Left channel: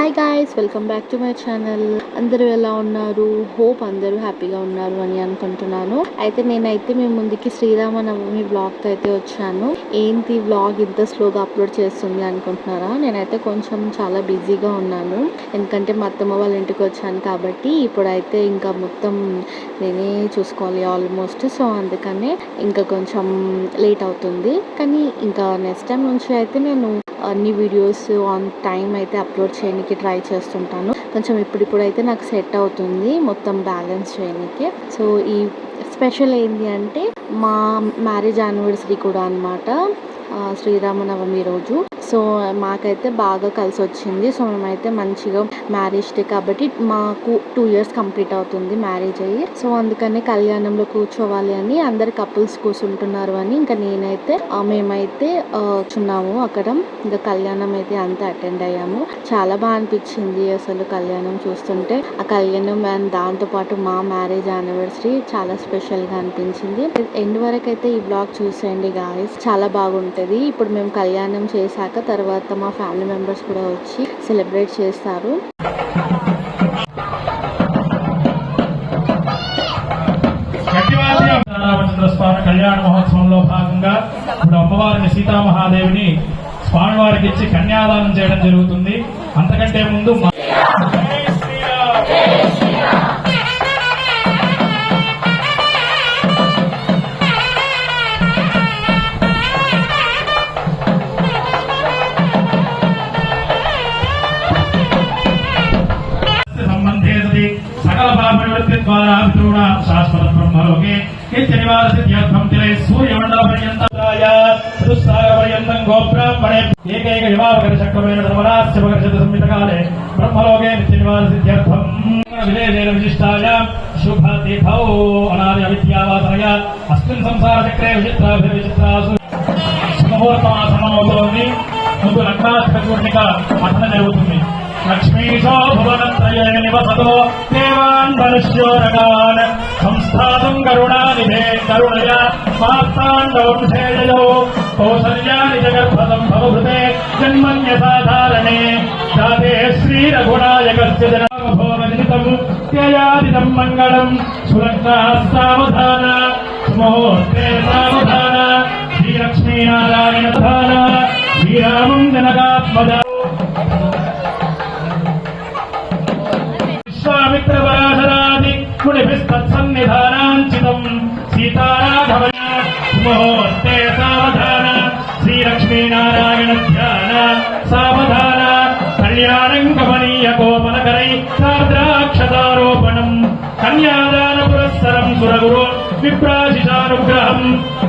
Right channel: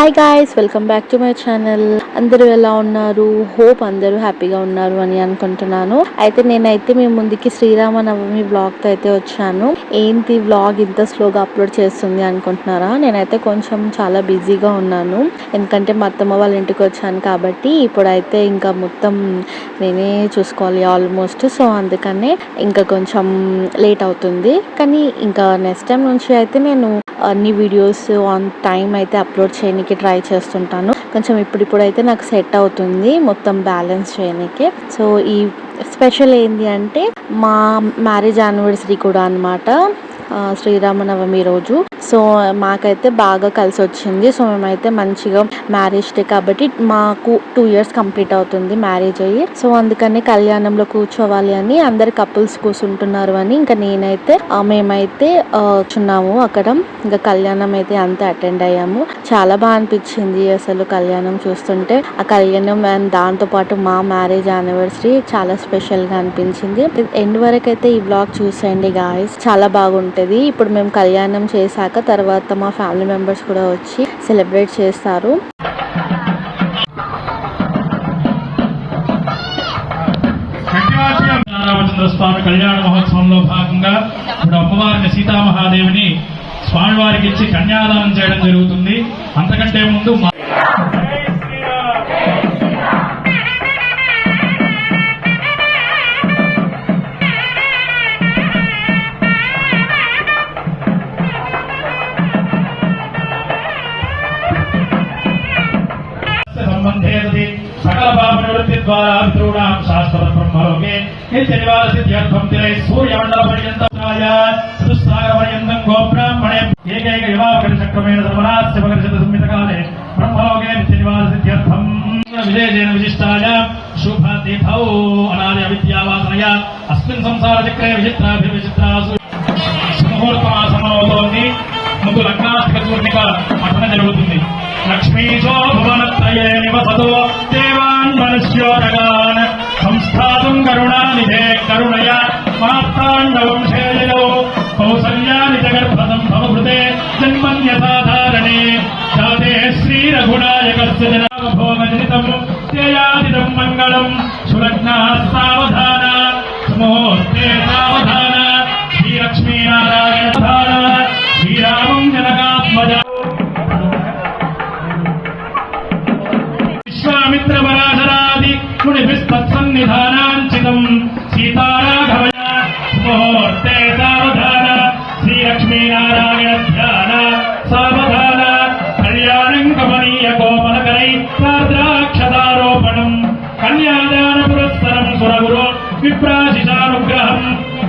Hi guys, welcome back to my channel. అందరూ ఎలా ఉన్నారు? హోప్ అందరూ హ్యాపీగా ఉన్నారు అని అనుకుంటున్నాను. అయితే నేనైతే మీ ముందుకి శ్రీరామనవమి వ్లాగ్తో అయితే వచ్చాను. ఏంటి వ్లాగ్ ఇంత స్లోగా అప్లోడ్ చేస్తుంది అనుకుంటున్నారా? నేనైతే కొంచెం చాలా బిజీగా ఉన్నాను, ఎందుకంటే మా అత్తమ్మ వాళ్ళ ఇంటికి వచ్చాను కాబట్టి ఇప్పుడైతే ఇంకా మొత్తం నేనే చూసుకోవాలి ఆల్మోస్ట్. సో అందుకనే ఇంకా కొంచెం లేట్ అవుతుంది. కానీ ఇంకా నెక్స్ట్ టైం నుంచి అయితే నేను అన్ని వీడియోస్ ఆన్ టైం అయితే అప్లోడ్ చేయడానికి ట్రై చేస్తుంటాను. కొంచెం ఇప్పుడైతే నాకు సెట్ అవుతుంది మొత్తం బ్యాలెన్స్ చేయడానికి. సో ఈ స్పెషల్ ఏంటి అంటే మా మ్యారేజ్ యానివర్సరీ కూడా అనమాట, శ్రీరామనవమి రోజు. సో మాకైతే బాగా కలిసి వచ్చింది. సో మేమైతే మంచిగా మ్యారేజ్ డే కాబట్టి మాకు 2 years కంప్లీట్ అవుతుంది మ్యారేజ్ అయ్యి. సో అందుకని కళ్యాణంలో కూర్చోవాలి అని అందరు కపుల్స్ కూర్చుంటున్నారు అని ఇంకా నేనైతే మేమైతే కూర్చున్నాము అక్కడ. ఇంకా కళ్యాణం అయితే అంతే అటెండ్ అయ్యాము. చాలా బాగా అనిపించింది అసలు కళ్యాణం చూస్తుంటే. ఆ కళ్యాణం అండ్ దాంతో పాటు మా మ్యారేజ్ యానివర్సరీ చాలా స్పెషల్ గా అనిపించింది. ఎండ్ వరకు అయితే ఈ బ్లాగ్ చూసేయండి గాయ్స్, చాలా బాగుంటుంది. ఇప్పుడు మేము కళ్యాణం చేశాక తర్వాత మా ఫ్యామిలీ మెంబర్స్ కూడా వచ్చి సెలబ్రేట్ చేస్తారు. స్వామి కళ్యాణ మహోత్సవంలో భాగంగా ఇప్పుడు అమ్మవారిని సీతామహాదేవిని స్వామివారికి ఇచ్చి కన్యాదానం చేయడం జరుగుతుంది. అంతకంటే ముందు సకల పాపనివృత్తి ద్వారా పితॄణాం శాశ్వత బ్రహ్మలోకే నిత్యనివాసిత్యర్థం తిరై సూర్యమండల పర్యంతాయ చతుస్సాగ పర్యంతం గోబ్రాహ్మణే ఏకైక వివాహకర చక్రవేణ సమరాస్య భగర్షత సంహితకాలే బ్రహ్మలోకే నిత్యనివాసిత్యర్థం విదేశేన విశిష్టాయ శుభతిథౌ అనాది అవిద్యావాసనయ అస్మిన్ సంసార చక్రే విచిత్రాభిర్విచిత్రాసు శుభముహూర్తమాసమనోలోని ముందు లగ్నాధిక పూర్ణిమ పఠన జరుగుతుంది. లక్ష్మీశో భువనత్రయే నివసతో దేవాన్ మనుష్యోదగాన్ సంస్థానం కరుణానిధే కరుణయ మార్తాండవంశేయో కౌసల్యాని జగత్పదం భవభృతే జన్మన్యసాధారణే జాతే శ్రీరఘునాయకస్య జనామభోగజితం త్యయాదిదం మంగళం సులగ్నాః సావధాన సుముహూర్తే సావధాన శ్రీలక్ష్మీనారాయణ ధాన శ్రీరామం జనకాత్మజ విశ్వామిత్రపరాశరాది మునిభిస్తత్సన్నిధానాంచితం సీతారాఘవయ ముహూర్తే సావధాన శ్రీలక్ష్మీనారాయణ ధ్యాన సావధాన కళ్యాణం కమనీయ కోమనకరై సాద్రాక్షదారోపణం కన్యాదాన పురస్సరం సురగురు విప్రాశిషానుగ్రహం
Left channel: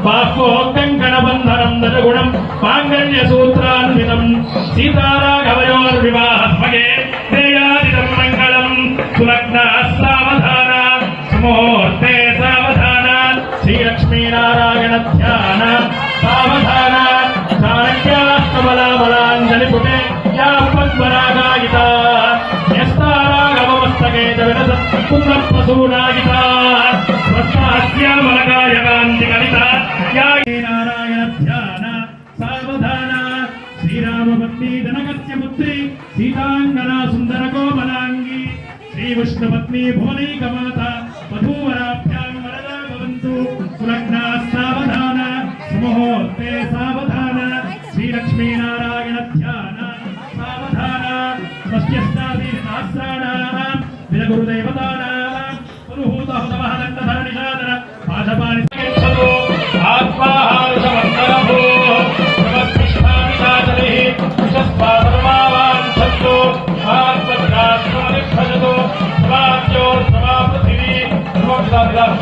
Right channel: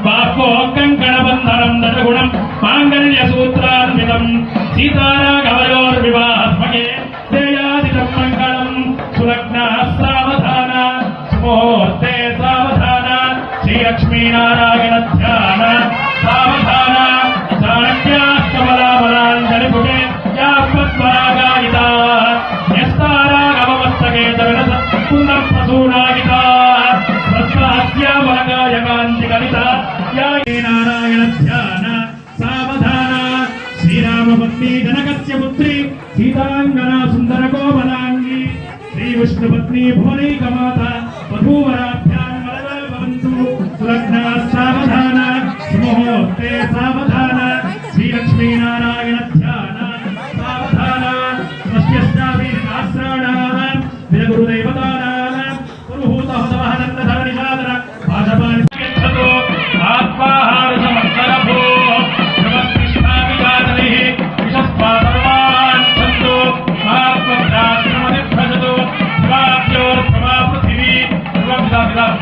బాహ్వో కంకణబంధనం దదగుణం మాంగళ్య సూత్రాన్వితం సీతారాఘవయోర్వివాహమగే దేయాదిదం మంగళం సులగ్నాః సావధాన సుముహూర్తే సావధాన శ్రీలక్ష్మీనారాయణ ధ్యాన సావధాన దానక్యాస్తబలాబలాంజలిపుటే యా పద్మరాగాయితా న్యస్తారాఘవమస్తకే జగనద పుండ్రప్రసూనాయితా స్వస్వాస్యామలకాయకాంతికలితా యా నారాయణ ధ్యాన సావధాన శ్రీరామపత్ని జనకస్య పుత్రి సీతాంగనా సుందర కోమలాంగి శ్రీ విష్ణుపత్ని భువనైకమాత వధూవరాభ్యాం వరదా భవంతు సులగ్నాః సావధాన సుముహూర్తే సావధాన శ్రీలక్ష్మీనారాయణ ధ్యాన సావధాన స్వస్యశ్చావీర్నాశ్రాణాః విరగురుదైవతానాః పురుహూతహుతవహనన్నధరణిషాదన ఆజపాని గచ్చతు ఆత్మాహార సమగ్రభో నమస్కృష్టామిషాదలిః విషస్పాదర్వాంఛంతో మహాత్మభ్రాత్మనిర్భజతో స్వాద్యో ధ్రువా పృథివీ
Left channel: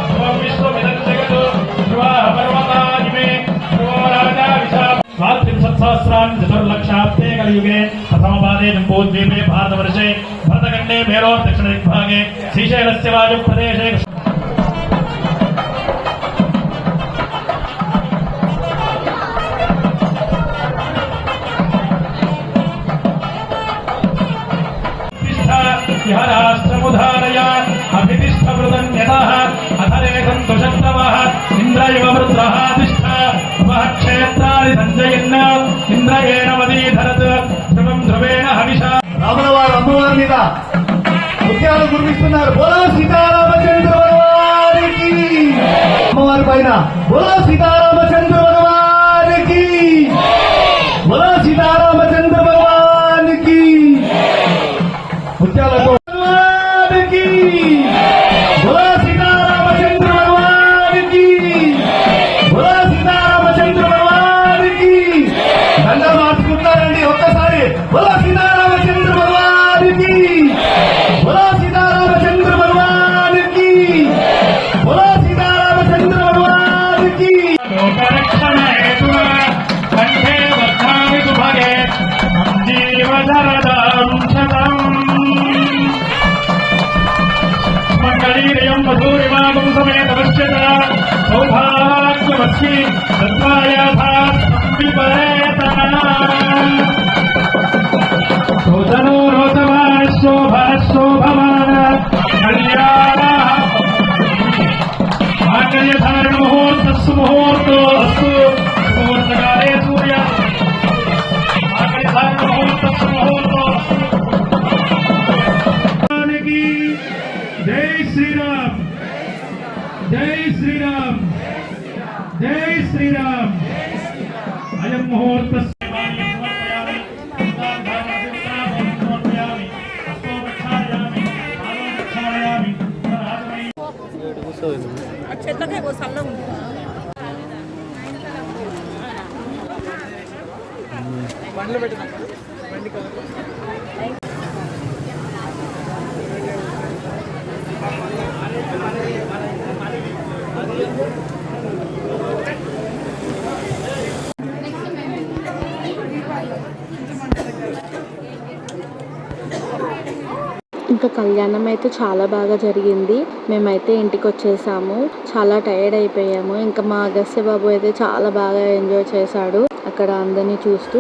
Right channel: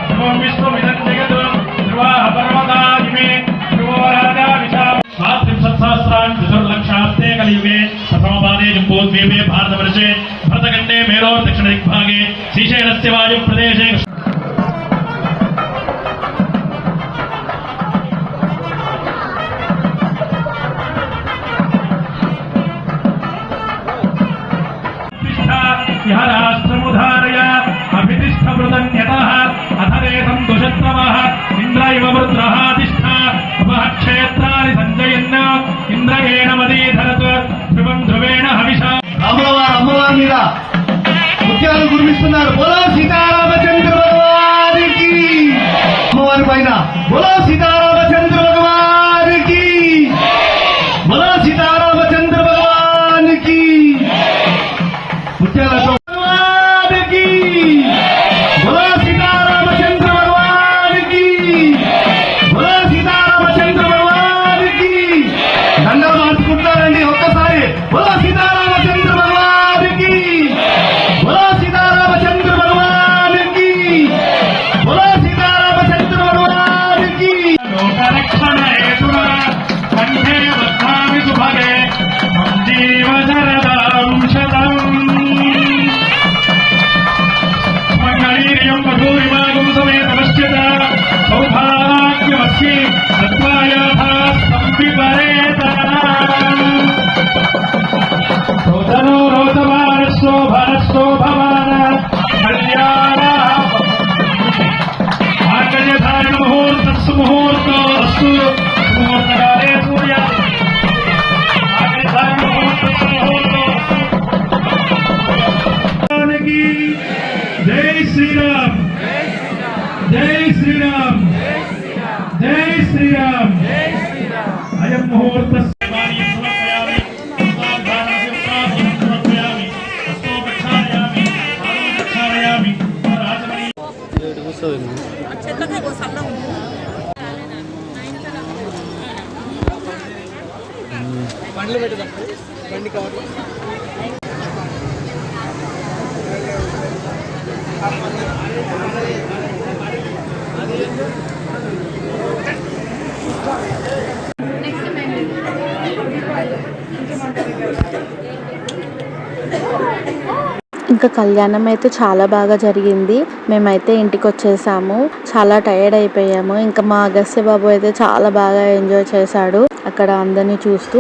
ధ్రువం విశ్వమిదం జగత్ ధ్రువాః పర్వతానిమే ధ్రువో రాజా విశాల స్వాత్రింశత్సహస్రాణి చతుర్లక్షాబ్దే కలియుగే ప్రథమపాదే జంబోద్వీపే భారతవర్షే భరతఖण्डे मेलोर्दक्षिणदिग्भागे श्रीशैलस्य वायुप्रदेशे విహారాశ్రముధారయ అభితిష్టమృతన్యతః అథరేతం దుషత్రవః ఇంద్రయవ వృద్ధః తిష్ఠ ఉపః క్షేత్రాది సంజయన్న ఇంద్రయేణ మదీధరత్ ధ్రువం ధ్రువేణ హవిషా రాముల వారు ముత్యాలు కురిపిస్తున్నారు. బోలో సీతారామచంద్ర భగవానికి. అమ్మవారి పైన బోలో సీతారామచంద్ర భగవానికి. బోలో సీతారామచంద్ర భగవానికి. ముత్యాలతో భగవానికి. బోలో సీతారామచంద్ర భగవానికి. బోలో సీతారామచంద్ర భగవానికి. దండలు మార్చుకుంటారండి ఒక్కసారి. బోలో సీతారామచంద్ర భగవానికి. బోలో సీతారామచంద్ర భగవానికి. బోలో సీతారామచంద్ర భగవానికి. జై శ్రీరామ్, జై శ్రీరామ్, జై శ్రీరామ్. అయం ముహూర్త ఇంకా కళ్యాణం అయితే చాలా బాగా జరిగింది. మేమైతే ఇంటికి వచ్చేసాము. చాలా టైర్డ్ అయిపోయాము. ఇంకా మా అగస్త్య బాబు అయితే చాలా బాగా ఎంజాయ్ చేశాడు అక్కడ అందరినీ చూస్తూ.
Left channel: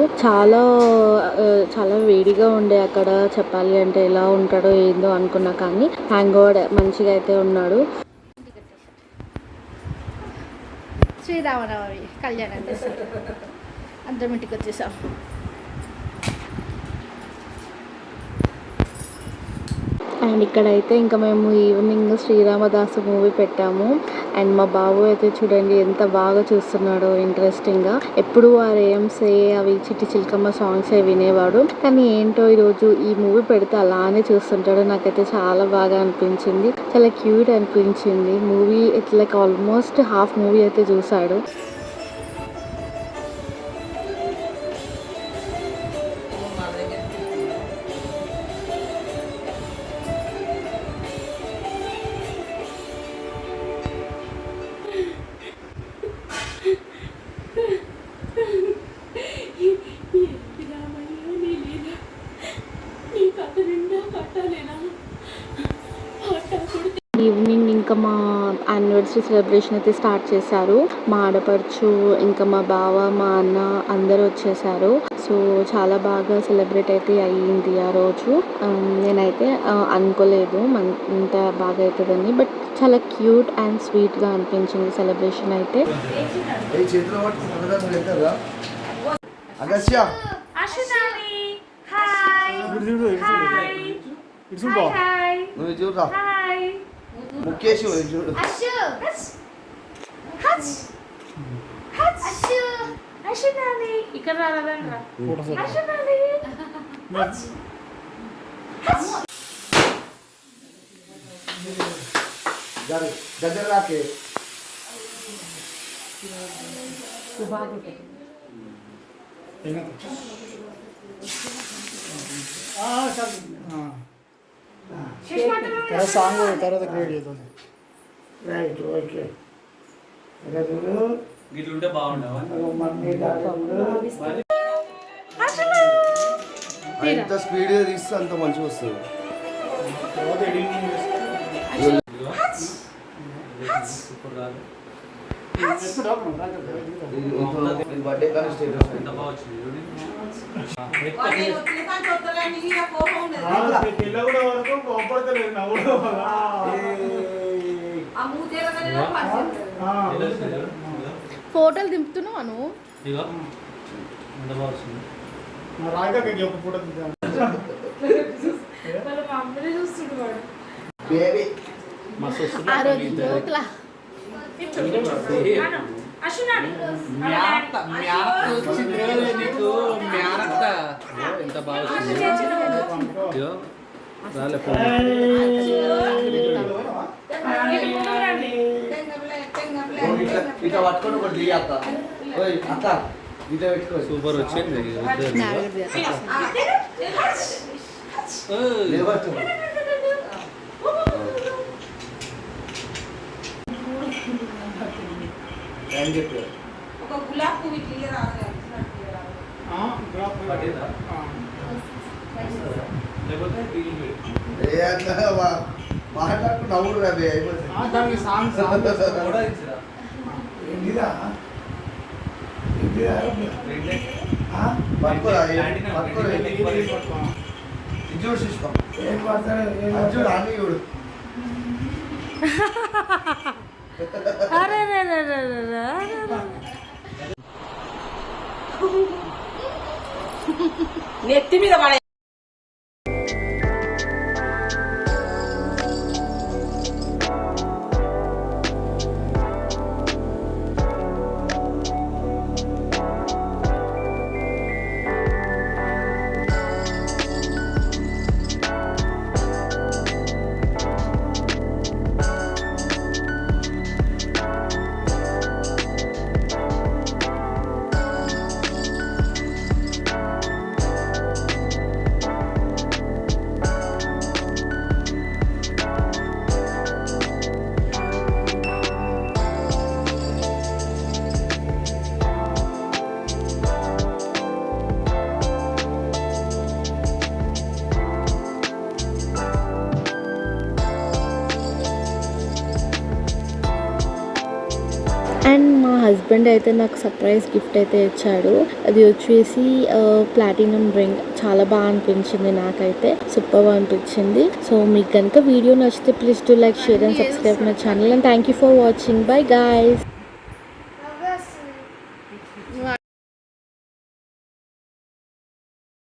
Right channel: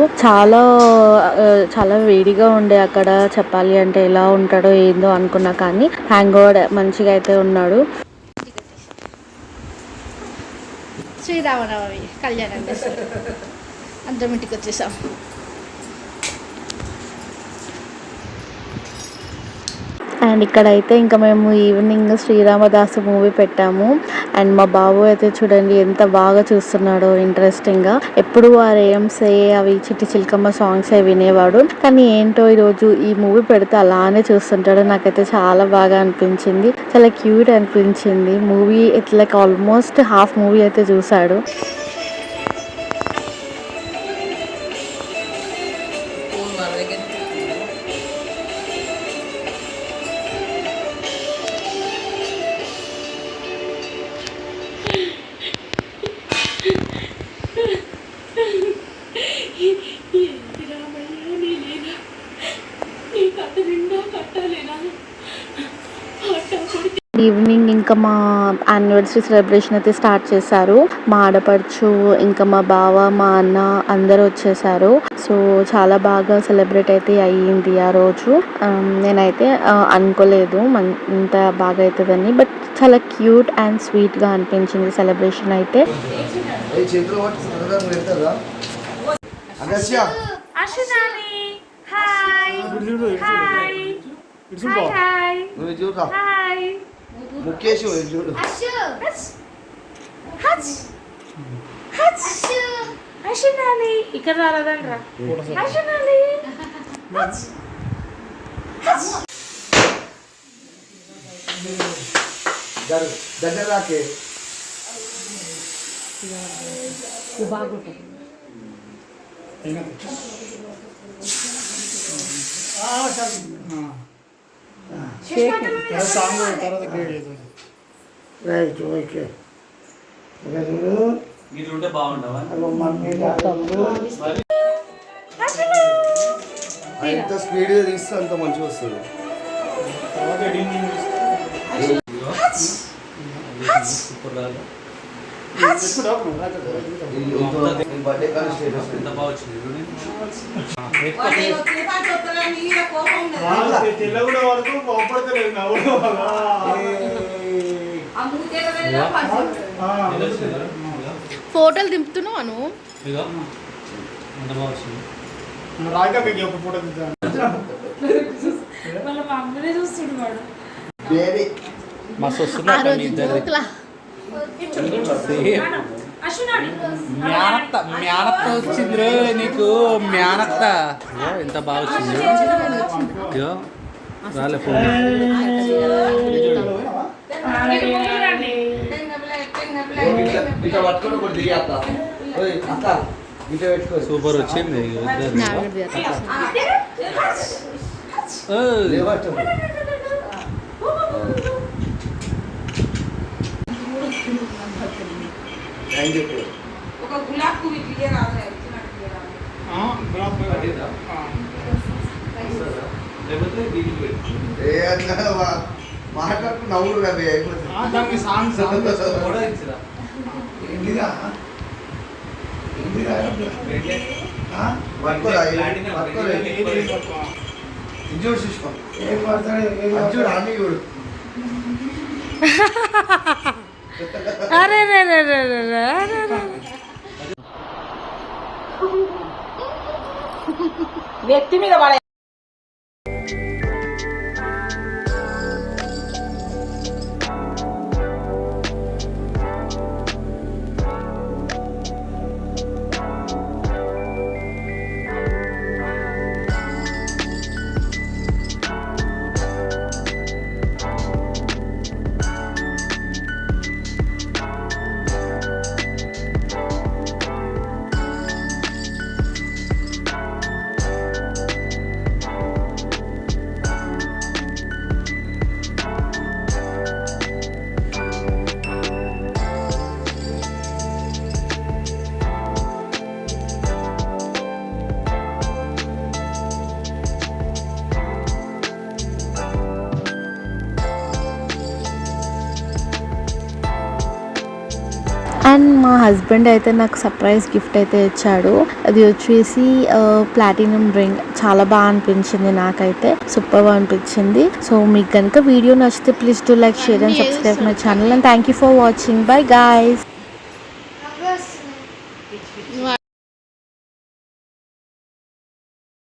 చాలా వేడిగా ఉండే అక్కడ. చెప్పాలి అంటే ఎలా ఉంటాడో ఏందో అనుకున్నా, కానీ హ్యాంగ్ ఓవర్ మంచిగా అయితే ఉన్నాడు. శ్రీరామనవమి కళ్యాణం చేశారు. అందరం ఇంటికి వచ్చేసాం. అండ్ ఇక్కడైతే ఇంకా మేము ఈవినింగ్ శ్రీరామదాసు మూవీ పెట్టాము. అండ్ మా బాబు అయితే చూడండి ఎంత బాగా చూస్తున్నాడో ఇంట్రెస్టింగ్గా. ఎప్పుడు ఆ రేమ్సే అవి చిట్టి చిలకమ్మ సాంగ్స్ అవి వినేవాడు, కానీ ఏంటో ఈరోజు ఈ మూవీ పెడితే అలానే చూస్తుంటాడు. నాకైతే చాలా బాగా అనిపించింది, చాలా క్యూట్ అనిపించింది. Movie it's like almost half movie అయితే చూశాడు. ఈవినింగ్ ఇంకా మా యానివర్సరీ సెలబ్రేషన్ అయితే స్టార్ట్ చేశారు. మా ఆడపడుచు, ఇంకా మా బావ, మా అన్న అందరూ వచ్చేసారు. సో చాలా బాగా సెలబ్రేట్ అయితే అయ్యింది ఆ రోజు. నేనైతే అనుకోలేదు ఇంత బాగా అవుతుందని, బట్ చాలా క్యూట్ అండ్ స్వీట్గా అనిపించింది సెలబ్రేషన్ అయితే. ముఖేష్ చూడు. ఇక్కడ రాలేదండి. దగ్గర రాకే. సాంగ్ తర్వాత క్రియేట్ చేద్దాం. Right okay. వీటిలో బాగుండవా ఎంత స్పీడ్గా తీస్తే అంత మంచిగా వస్తుంది. బర్త్డే కానీ స్టేటస్ ఎంత బాగా వచ్చింది. తెల్లగూడ వరకు బాగుపడతలేదు. ఫోటోలు దింపుతున్నావు నువ్వు. రాక మీకు ఒక ఫోటో వాళ్ళ మమ్మల్ని చూస్తుండు వాడు. బేబీ ఆ రోజు జోకులా మేనత్త వచ్చింది నీకు మేనత్త ఎంత బాగా వచ్చింది ఇట్లా పట్టుకొని ఒకటి దిగేస్తా అత్త ఇట్లా పెట్టుకో సూపర్ వచ్చింది లేవట్టు థ్యాంక్ యూ మాట్లాడుకు నవ్వుడు రవి దానికి సాంగ్ పట్టుకోరా చూడు సుష్మా చూడు అన్ని చూడు అరే రే రే రే రే రే నెత్తి మీద పడే అండ్ మా హస్బెండ్ అయితే నాకు సర్ప్రైజ్ గిఫ్ట్ అయితే ఇచ్చాడు. అది వచ్చేసి ప్లాటినం రింగ్. చాలా బాగా అనిపించింది, నాకైతే సూపర్గా అనిపించింది. సో మీకు కనుక వీడియో నచ్చితే please to like, share and subscribe my channel. And thank you for watching. By guys.